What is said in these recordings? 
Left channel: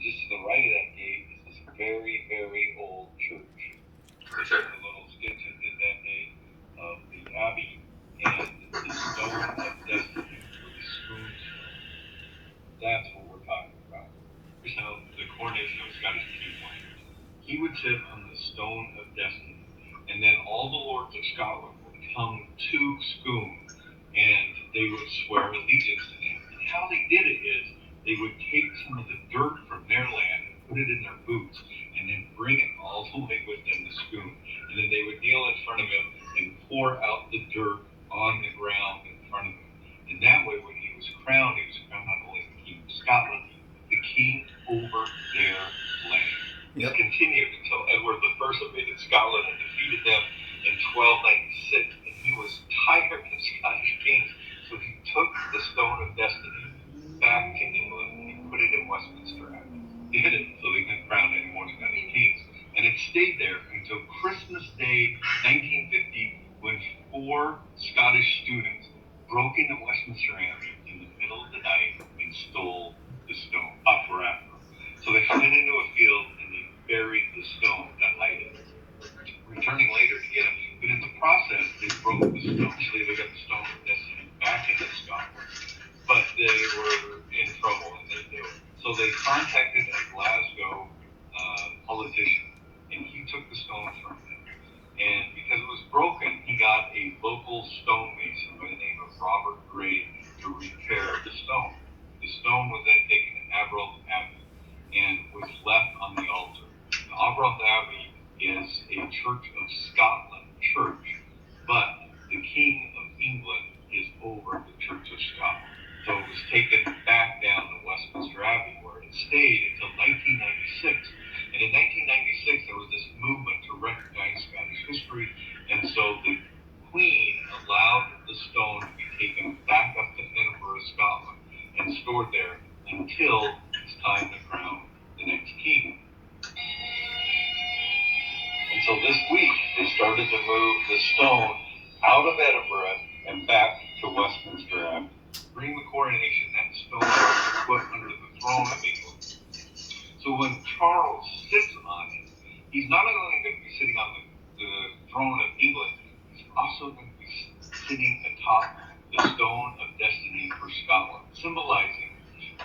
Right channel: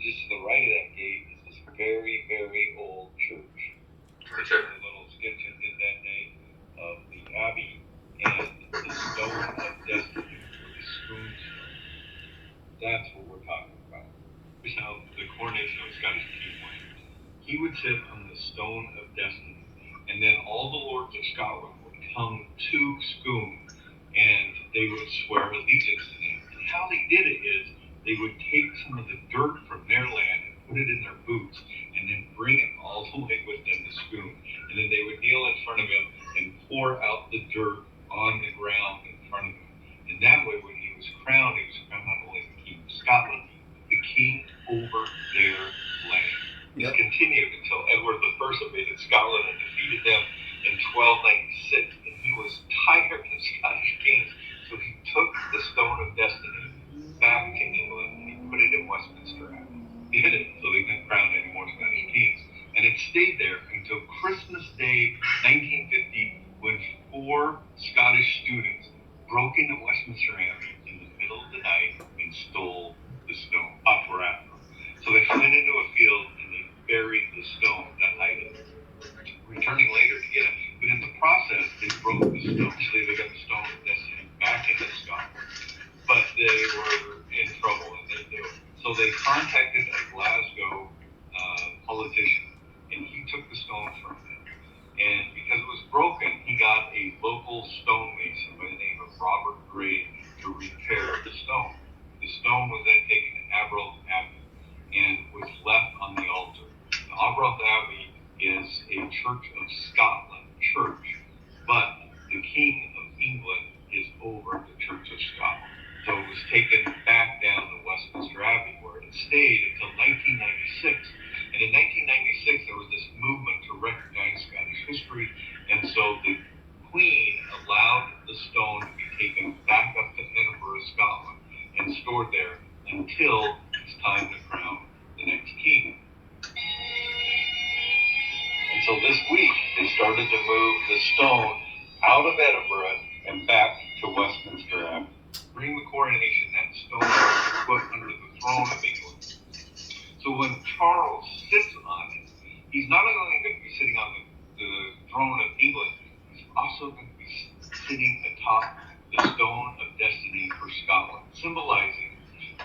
just to the right of that gate is this very, very old church. This is the little stitches in that day of the abbey and the stone of destiny, or the spoon stone. That's what we're talking about. Here's how the coronation of Scottish king went. He would sit on the stone of destiny, and then all the lords of Scotland would come to Scone, and they would swear allegiance to him. And how they did it is they would take some of the dirt from their land and put it in their boots, and then bring it all the way with them to Scone. And then they would kneel in front of him and pour out the dirt on the ground in front of him. And that way, when he was crowned not only the king of Scotland, the king over their land. This continued until Edward I invaded Scotland and defeated them in 1296, and he was tired of Scottish kings, so he took the Stone of Destiny back to England and he put it in Westminster Abbey. He hid it so they couldn't crown any more Scottish kings, and it stayed there until Christmas Day 1950, when 4 Scottish students broke into Westminster Abbey in the middle of the night and stole the stone, operatum. So they went into a field and they buried the stone that night, returning later to get it. But in the process, they broke the stone. Actually, they got the stone of destiny back into Scotland. But they were in trouble and they knew it. So they contacted a Glasgow politician, and he took the stone from them. And because it was broken, he got a local stonemason by the name of Robert Gray to repair the stone. The stone was then taken to Arbroath Abbey and was left on the altar. The Arbroath Abbey is a Church of Scotland church, but the King of England is over the Church of Scotland. So it was taken back down to Westminster Abbey, where it stayed until 1996. And in 1996, there was this movement to recognize Scottish history, and so the Queen allowed the stone to be taken back up to Edinburgh, Scotland, and stored there until it's time to crown the next king. And so this week, they started to move the stone out of Edinburgh and back to Westminster Abbey. During the coronation, that stone was put under the throne of England. So when Charles sits on it, he's not only going to be sitting on the throne of England, he's also going to be sitting atop the stone of destiny for Scotland, symbolizing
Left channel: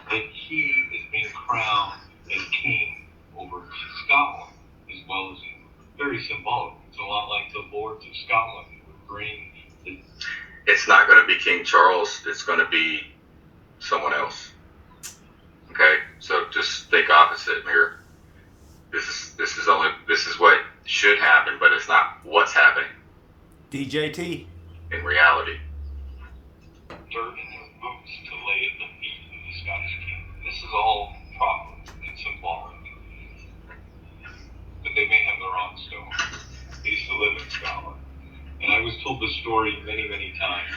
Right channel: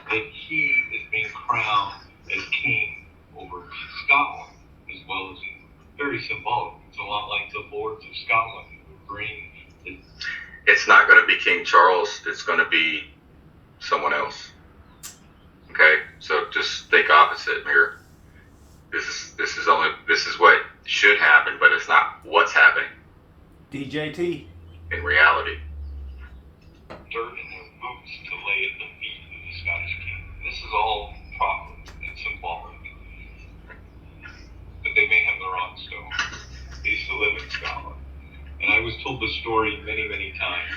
that he is being crowned as king over Scotland as well as England. Very symbolic. It's a lot like the Lords of Scotland who would bring the... It's not going to be King Charles. It's going to be someone else. Okay, so just think opposite here. This is what should happen, but it's not what's happening. DJT. In reality. Dirt in their boots to lay at the feet of the Scottish king. This is all prophet and symbolic. But they may have the wrong stone. They used to live in Scotland. And I was told the story many, many times,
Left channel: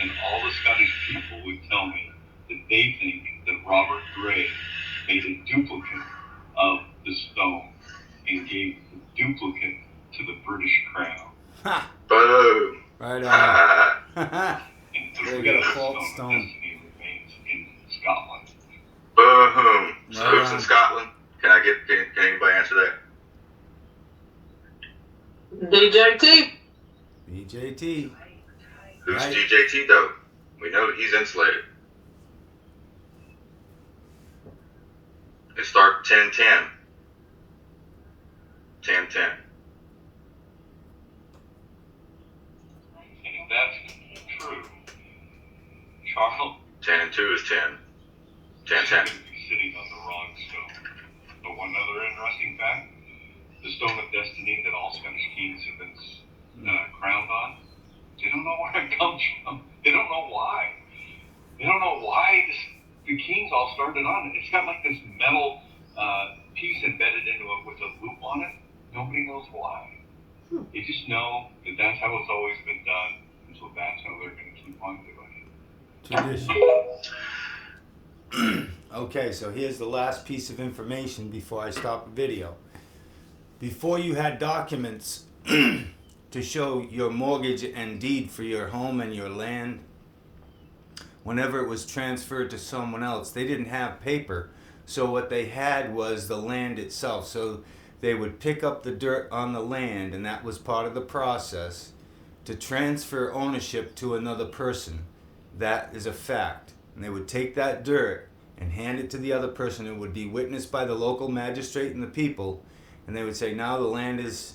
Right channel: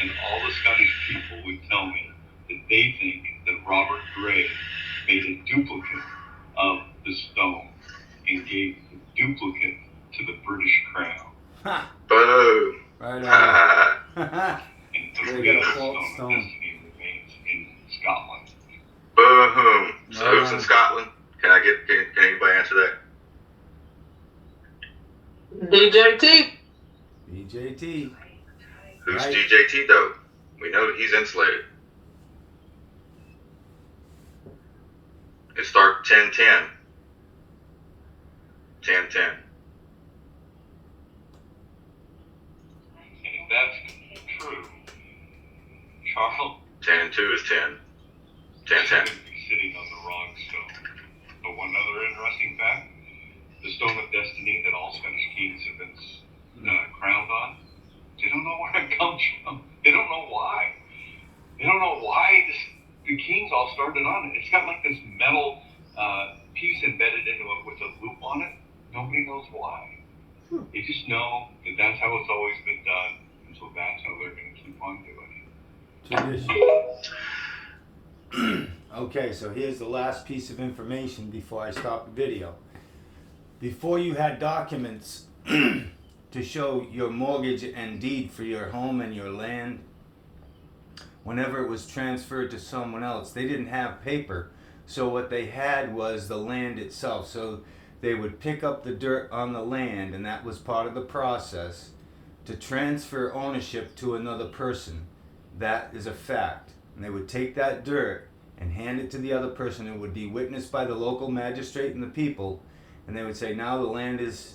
and all the Scottish people would tell me that they think that Robert Gray made a duplicate of the stone and gave the duplicate to the British crown. Ha! Boom! Right on. And the real stone of destiny remains in Scotland. Boom! So who's in Scotland? Can anybody answer that? DJT. DJT. Who's Right. DJT though? We know that he's insulated. It start 10-10. 10-10. And if that's true, Charles 10 and 2 is 10. 10-10. should be sitting on the wrong stone. But one other interesting fact, the stone of destiny that all Scottish kings have been crowned on, they don't know where it comes from. They don't know why. They don't know why the kings all started on it. It's got like this metal piece embedded into it with a loop on it. Nobody knows why. They just know that that's how it's always been done, and so that's how they're going to keep on doing it. Tradition. Okay, so here's the last piece of information before I stop the video. Before you had documents to show your mortgage and deed for your home and your land, whenever it was transferred to someone else, they didn't have paper, So what they had was the land itself. So they would pick up the dirt on the land, and that was part of the process to transfer ownership to another person. That is a fact. And they would take that dirt and hand it to the other person. It would be witnessed by the local magistrate and the people, and they would say, now the land is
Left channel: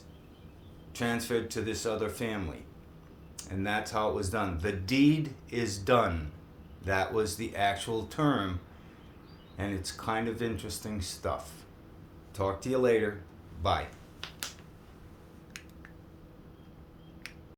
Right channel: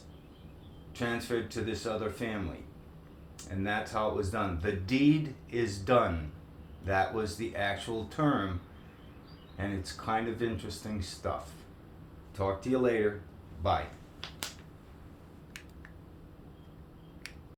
transferred to this other family. And that's how it was done. The deed is done. That was the actual term, and it's kind of interesting stuff. Talk to you later. Bye.